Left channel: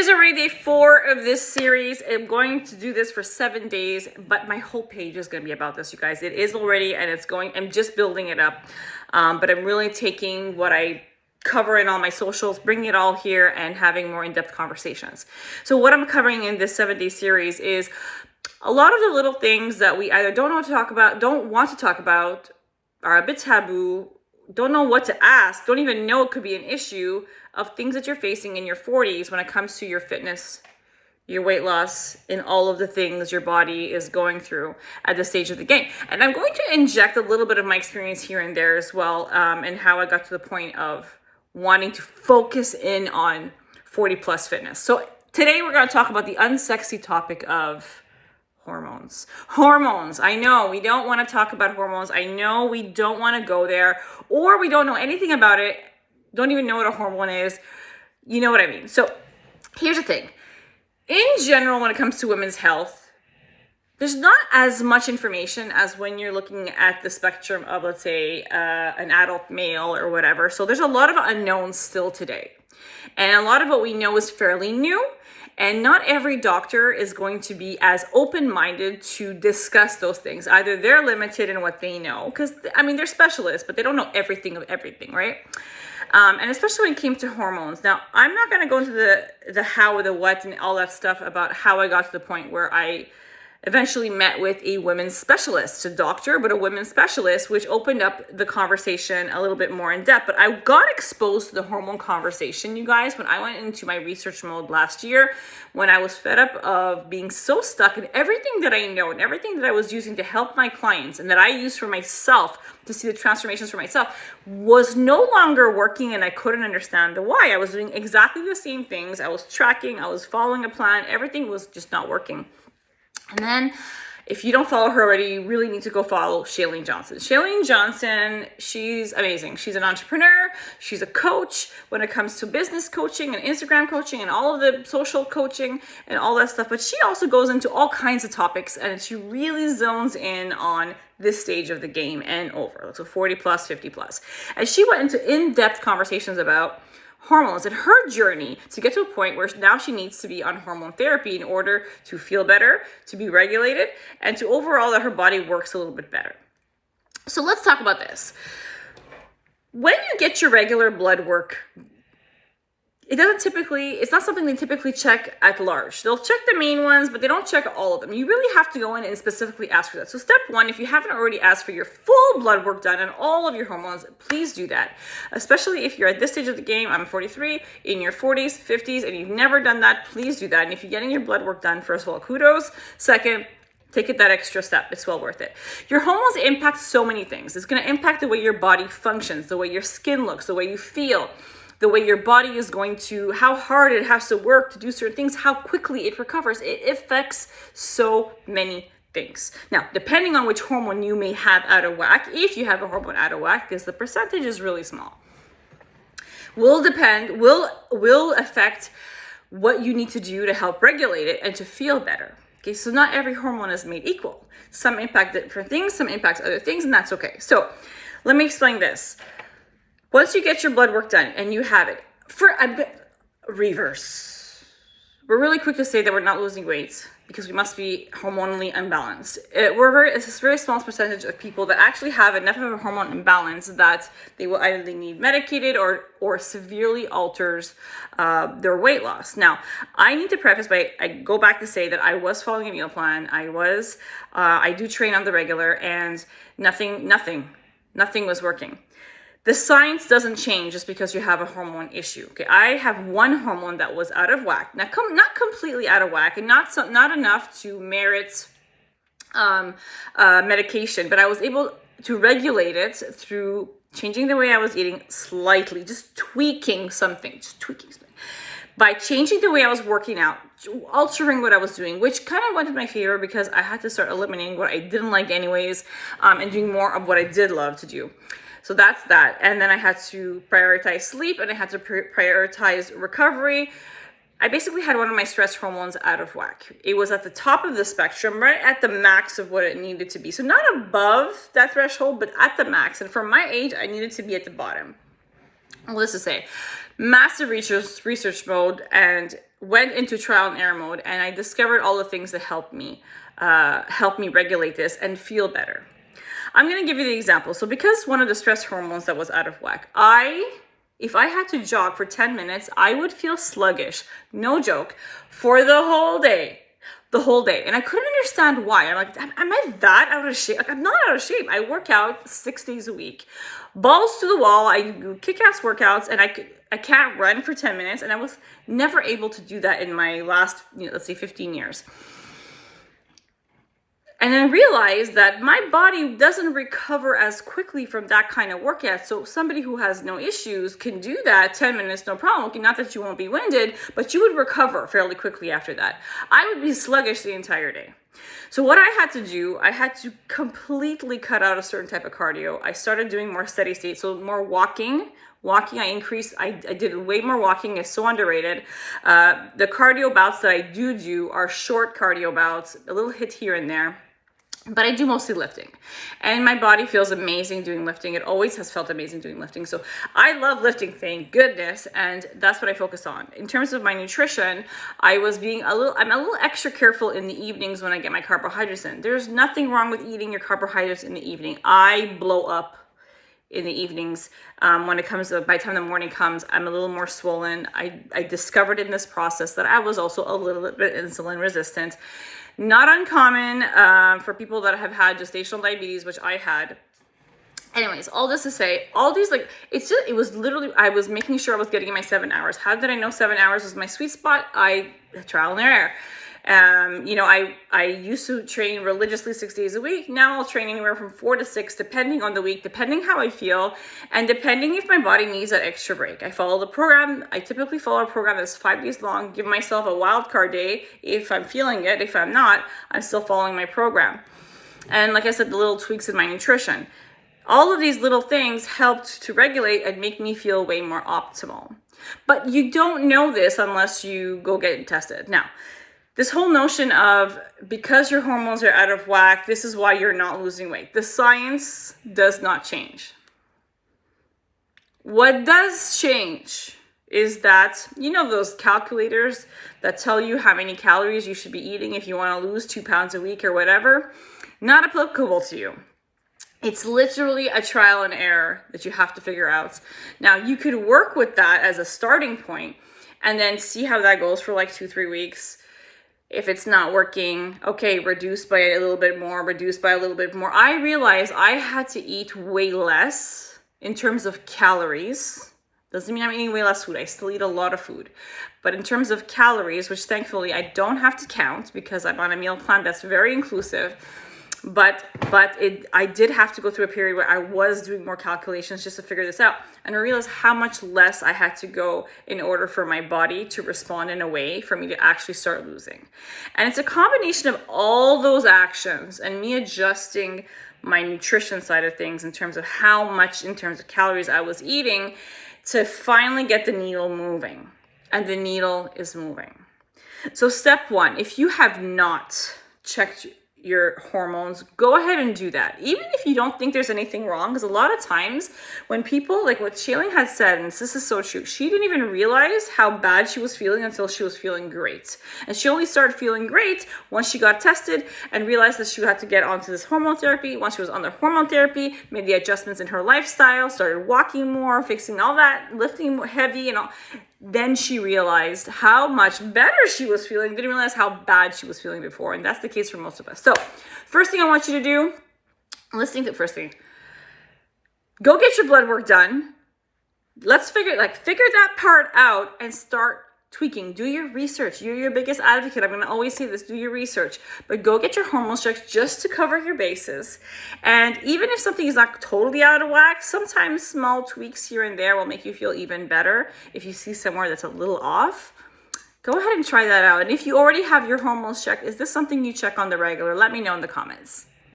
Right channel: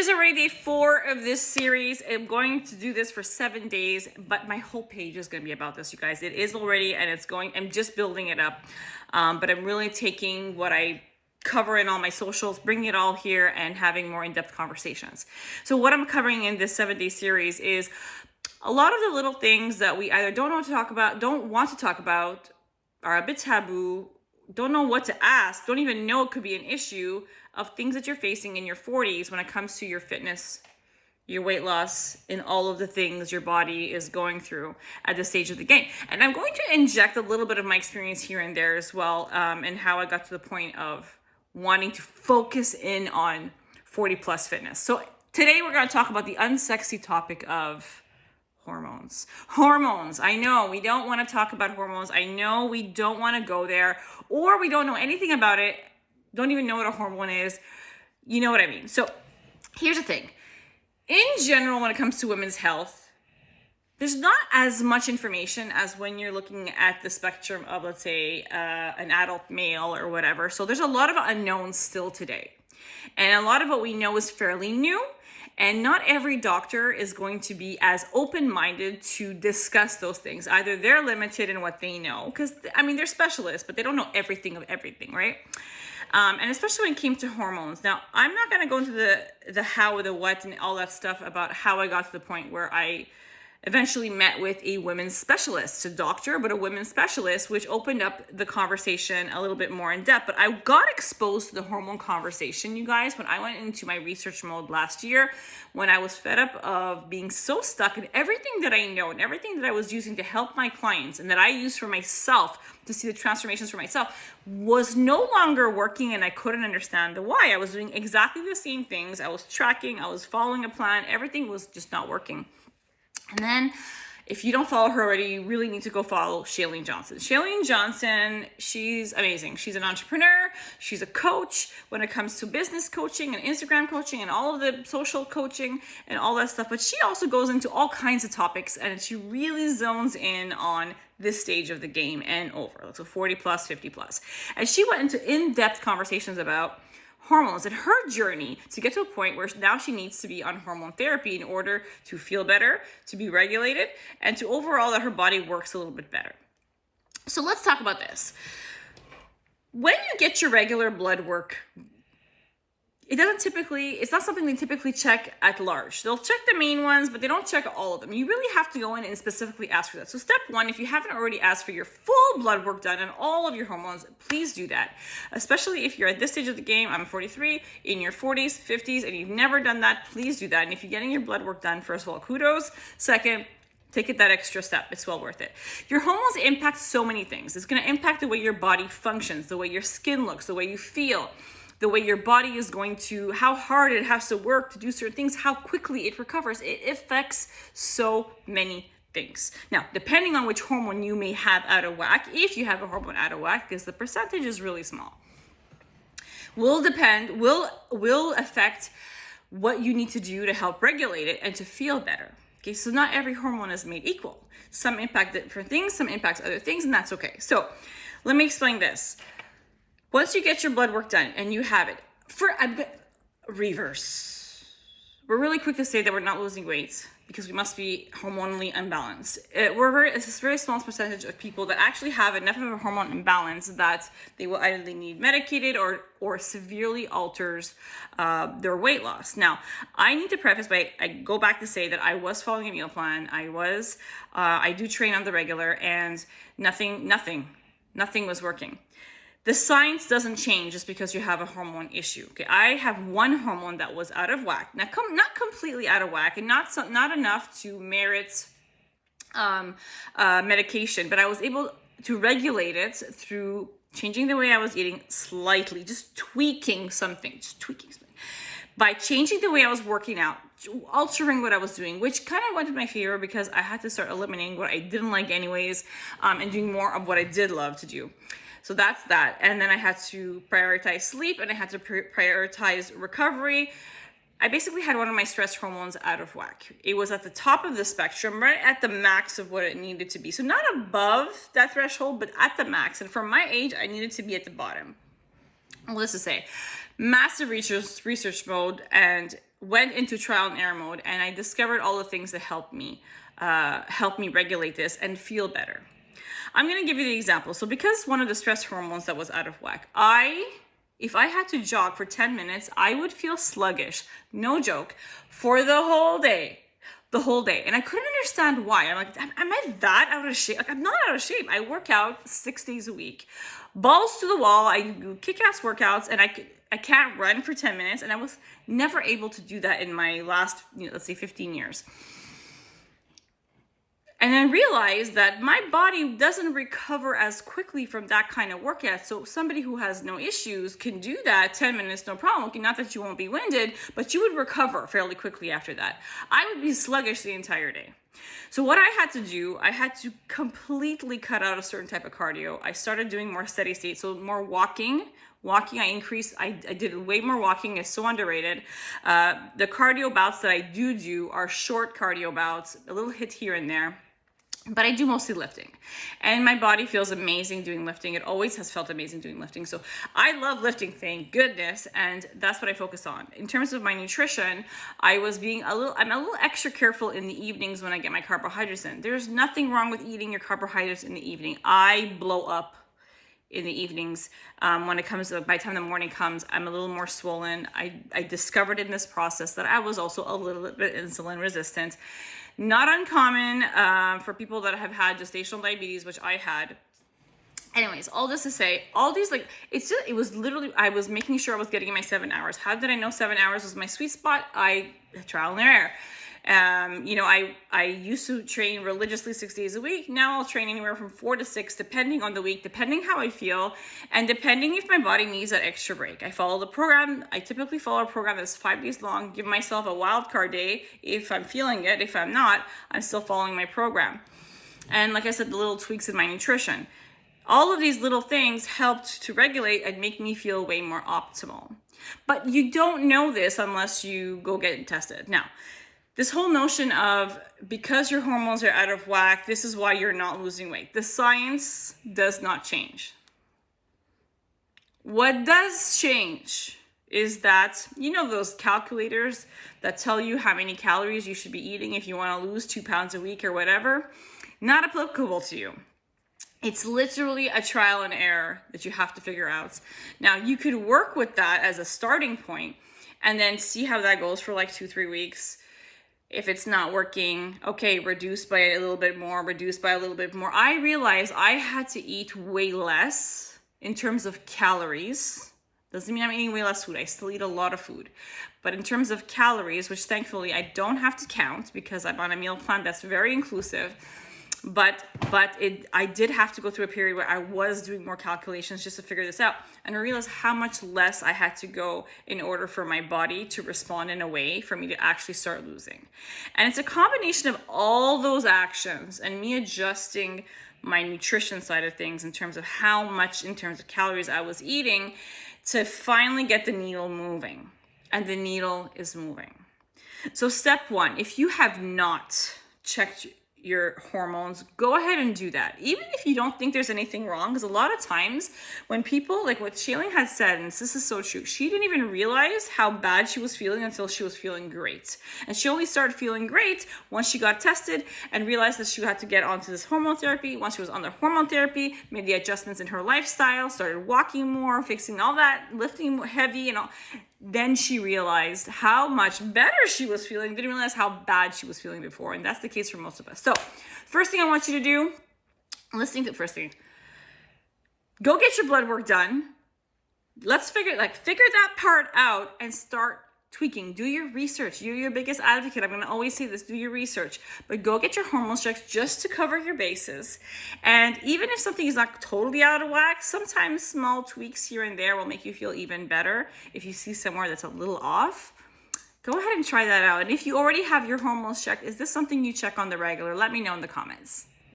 This is already day 4 of this series. I'm going to do this for 7 days, but my whole page is going to be about this, you guys. It is already, and it's going, I'm just building it up. But I'm really taking what I cover in all my socials, bringing it all here and having more in-depth conversations. So what I'm covering in this 7-day series is a lot of the little things that we either don't know to talk about, don't want to talk about, are a bit taboo, don't know what to ask, don't even know it could be an issue, of things that you're facing in your 40s when it comes to your fitness, your weight loss, and all of the things your body is going through at this stage of the game. And I'm going to inject a little bit of my experience here and there as well, and how I got to the point of wanting to focus in on 40 plus fitness. So today we're going to talk about the unsexy topic of hormones. Hormones. I know we don't want to talk about hormones. I know we don't want to go there, or we don't know anything about it, don't even know what a hormone is. You know what I mean? So here's the thing. In general, when it comes to women's health, there's not as much information as when you're looking at the spectrum of, let's say, an adult male or whatever. So there's a lot of unknowns still today. And a lot of what we know is fairly new. And not every doctor is going to be as open-minded to discuss those things. Either they're limited in what they know, because, I mean, they're specialists, but they don't know everything of everything, right? And especially when it came to hormones. Now, I'm not going to go into the how, the what, and all that stuff about how I got to the point where I eventually met with a women's specialist, a doctor, but a women's specialist, which opened up the conversation a little bit more in depth. But I got exposed to the hormone conversation, you guys, when I went into my research mode last year, when I was fed up of being so stuck in everything that I know and everything that I was using to help my clients and that I use for myself to see the transformations for myself was no longer working, and I couldn't understand the why. I was doing exactly the same things. I was tracking, I was following a plan. Everything was just not working. And then, if you don't follow her already, you really need to go follow Shailene Johnson. Shailene Johnson, she's amazing. She's an entrepreneur. She's a coach when it comes to business coaching and Instagram coaching and all of the social coaching and all that stuff. But she also goes into all kinds of topics, and she really zones in on this stage of the game and over. So 40 plus, 50 plus. And she went into in-depth conversations about hormones and her journey to get to a point where now she needs to be on hormone therapy in order to feel better, to be regulated, and to overall that her body works a little bit better. So let's talk about this. When you get your regular blood work, it's not something they typically check at large. They'll check the main ones, but they don't check all of them. You really have to go in and specifically ask for that. So step 1, if you haven't already asked for your full blood work done and all of your hormones, please do that. Especially if you're at this stage of the game, I'm 43, in your 40s, 50s, and you've never done that, please do that. And if you're getting your blood work done, first of all, kudos. Second, take it that extra step. It's well worth it. Your hormones impact so many things. It's going to impact the way your body functions, the way your skin looks, the way you feel, the way your body is going to, how hard it has to work to do certain things, how quickly it recovers. It affects so many things. Now, depending on which hormone you may have out of whack, if you have a hormone out of whack, because the percentage is really small, will affect what you need to do to help regulate it and to feel better. Okay, so not every hormone is made equal. Some impact different things, some impacts other things, and that's okay. So let me explain this. Once you get your blood work done and you have it, reverse. We're really quick to say that we're not losing weight because we must be hormonally unbalanced. It's a very small percentage of people that actually have enough of a hormone imbalance that they will either need medicated or severely alters their weight loss. Now, I need to preface I go back to say that I was following a meal plan. I do train on the regular, and nothing was working. The science doesn't change just because you have a hormone issue. Okay, I have one hormone that was out of whack. Now, not completely out of whack, and not enough to merit medication, but I was able to regulate it through changing the way I was eating slightly, just tweaking something. By changing the way I was working out, altering what I was doing, which kind of went in my favor because I had to start eliminating what I didn't like anyways, and doing more of what I did love to do. So that's that. And then I had to prioritize sleep, and I had to prioritize recovery. I basically had one of my stress hormones out of whack. It was at the top of the spectrum, right at the max of what it needed to be. So not above that threshold, but at the max. And for my age, I needed to be at the bottom. Well, let's just say massive research mode and went into trial and error mode, and I discovered all the things that help me regulate this and feel better. I'm going to give you the example. So because one of the stress hormones that was out of whack, if I had to jog for 10 minutes, I would feel sluggish, no joke, for the whole day. And I couldn't understand why. I'm like, am I that out of shape? Like, I'm not out of shape. I work out 6 days a week, balls to the wall. I do kick-ass workouts, and I can't run for 10 minutes. And I was never able to do that in my last, let's say 15 years. And then realized that my body doesn't recover as quickly from that kind of workout. So somebody who has no issues can do that 10 minutes, no problem. Not that you won't be winded, but you would recover fairly quickly after that. I would be sluggish the entire day. So what I had to do, I had to completely cut out a certain type of cardio. I started doing more steady state, so more walking, I did way more walking. It's so underrated. The cardio bouts that I do are short cardio bouts, a little hit here and there. But I do mostly lifting, and my body feels amazing doing lifting. It always has felt amazing doing lifting. So I love lifting, thank goodness. And that's what I focus on. In terms of my nutrition, I'm a little extra careful in the evenings when I get my carbohydrates in. There's nothing wrong with eating your carbohydrates in the evening. I blow up in the evenings. When it comes to, by the time the morning comes, I'm a little more swollen. I discovered in this process that I was also a little bit insulin resistant. Not uncommon for people that have had gestational diabetes, which I had. Anyways, all this to say, all these, like, it was literally, I was making sure I was getting in my 7 hours. How did I know 7 hours was my sweet spot? Trial and error. I used to train religiously 6 days a week. Now I'll train anywhere from 4 to 6, depending on the week, depending how I feel, and depending if my body needs that extra break. I follow the program. I typically follow a program that's 5 days long, give myself a wild card day if I'm feeling it. If I'm not, I'm still following my program. And like I said, the little tweaks in my nutrition. All of these little things helped to regulate and make me feel way more optimal. But you don't know this unless you go get tested. Now, this whole notion of because your hormones are out of whack, this is why you're not losing weight. The science does not change. What does change is that, those calculators that tell you how many calories you should be eating if you want to lose 2 pounds a week or whatever, not applicable to you. It's literally a trial and error that you have to figure out. Now, you could work with that as a starting point and then see how that goes for like 2-3 weeks. If it's not working, okay, reduce by a little bit more, I realized I had to eat way less in terms of calories. Doesn't mean I'm eating way less food. I still eat a lot of food. But in terms of calories, which thankfully I don't have to count because I'm on a meal plan that's very inclusive, but I did have to go through a period where I was doing more calculations just to figure this out. And I realized how much less I had to go in order for my body to respond in a way for me to actually start losing. And it's a combination of all those actions and me adjusting my nutrition side of things in terms of how much in terms of calories I was eating to finally get the needle moving. And the needle is moving. So step 1, if you have not checked your hormones, go ahead and do that. Even if you don't think there's anything wrong, because a lot of times when people, like what Shailene had said, and this is so true, she didn't even realize how bad she was feeling until she was feeling great. And she only started feeling great once she got tested and realized that she had to get onto this hormone therapy. Once she was on the hormone therapy, made the adjustments in her lifestyle, started walking more, fixing all that, lifting heavy and all. Then she realized how much better she was feeling, didn't realize how bad she was feeling before. And that's the case for most of us. So first thing I want you to do, go get your blood work done. Let's figure that part out and start tweaking. Do your research. You're your biggest advocate. I'm going to always say this, do your research, but go get your hormones checked just to cover your bases. And even if something is not totally out of whack, sometimes small tweaks here and there will make you feel even better. If you see somewhere that's a little off, go ahead and try that out. And if you already have your hormones checked, is this something you check on the regular? Let me know in the comments.